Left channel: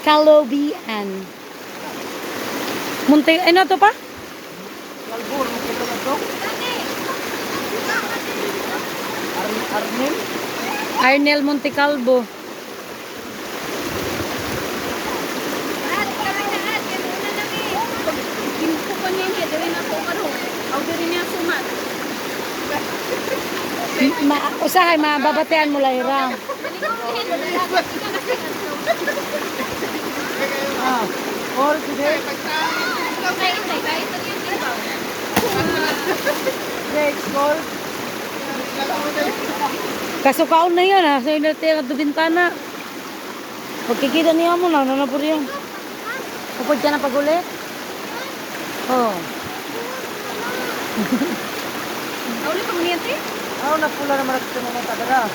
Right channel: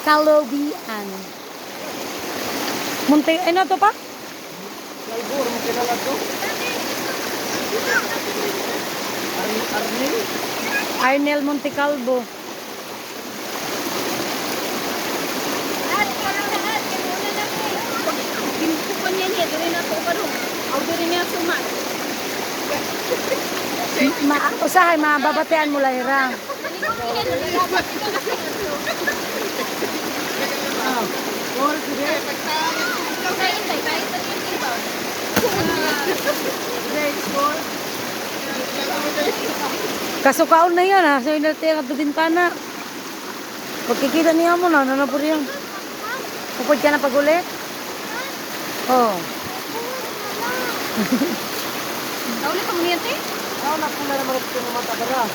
Calobian. Munti, ano to pa? Lalbur, mo kinala to? Arnel? Arnel Monte Calvo. Usahay, mababatean mo lang ira. Or sige. Great score. Kasukaon na yan ha. So, inatira sa bintana. Pagkikita niya mo na, nanapur yan. Upod ka na pag-ulit? Oo. Ulit ang niyate? Ako napula naman ito ng mga tagara.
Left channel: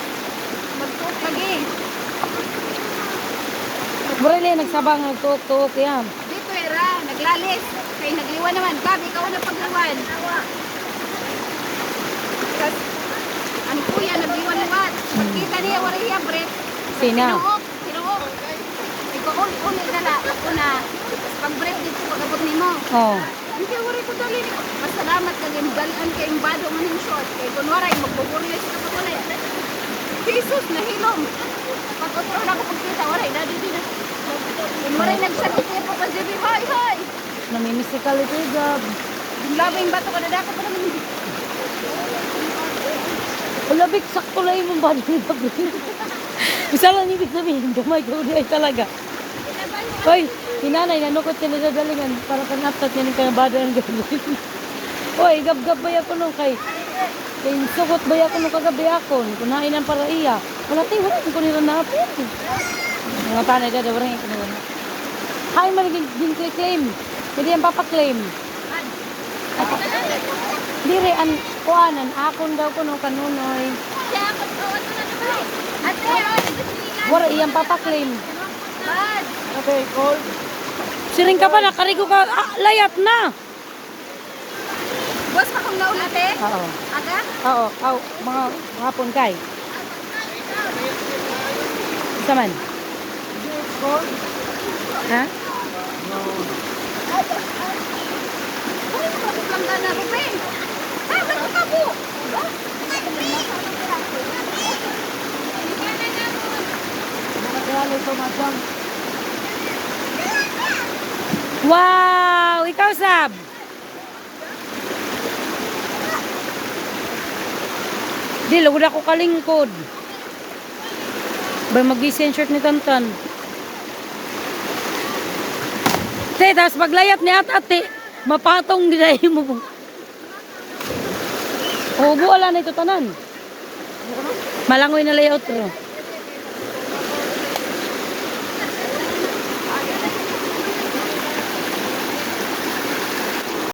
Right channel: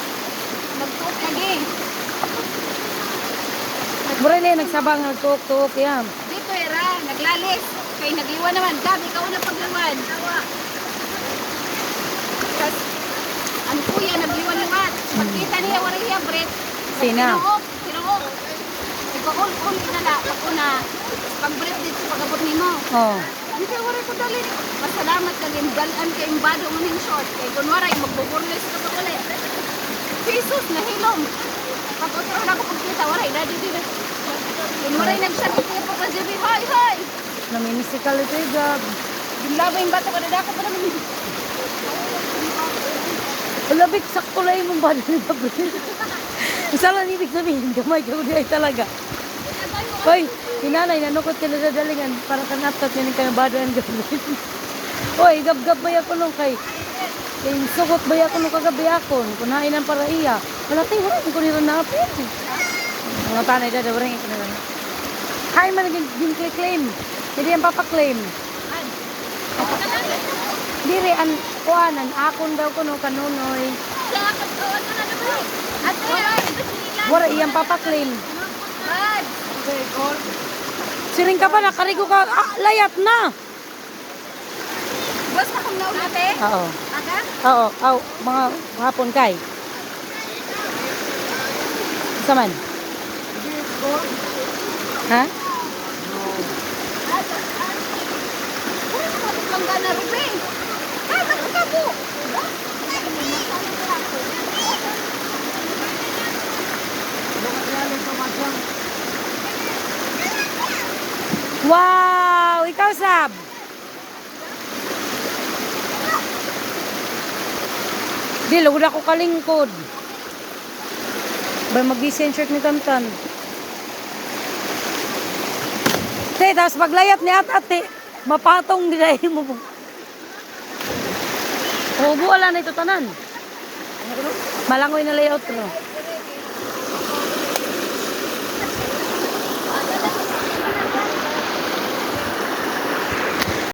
Nagpuot lagi. Murali, nagsabang, nagtuok-tuok yan. Dito era, naglalis. Kaya nagliwan naman. Gabi, ikaw na paglawan. Tapos, ang kuya, nagliwan naman. Kita niya, Maria, Brett. Sina? Sinuok. Ikaw-ulit na lang. Ako na, pag-Brett dito, pag-abot ni mo. Oo. Ang kaya wala ko dali. Masalamat ka din. Galan ka yung bado man yung short. Kaya kung waray, magbubulis ka sa kulit. Jesus, nahilom. Pag-utro na ako pagkita, waray, dadi din. Kung waray, nagsagot ko pa siya. Hi, hi! Namimisikal ito yung gab. Laba yung bato, kadadako pa naman. Alabik, sakto lang yung bado ni Gabriel. Isa lang ibig sabihin, gamay ka ulit ay talaga. Hoy, sinanay, nanukot ka na sa dalingan para kang aptat niya ng kanyang bado ang Gabriel. Hoy, gab-gab ba ako nung kay sukot ba ako nung kagabi ako. Kunain ang para iya. Wala tayo, wala ko nila na apin. Ang tanay dada, wala ko nila na. Hay man din ko i-claim. Hindi ang papaklaim. Dire, ang kuanan, akon daw ko nung kanunoy. Wala iyang papaklaim. Okay, call. Siring ka pa, nakarigo ka, layat na. Boss, pa kung naulit eh? Oo. Aga? Oo, mga hapon kay. Isa man. Call. Ha? Uy, nakakapangga na, Ruben. Ay, bakit ka po? Ano ka kaya ito, Madam? Wow! Ikaw, Sab! Di, lugod ako kalingkod. Ba mag-design shirt ni Tantan. Te, tapos maglayap ni ate, mapatong ginahin mo. O, buwala na ito tanan. Malangoy na layout ro.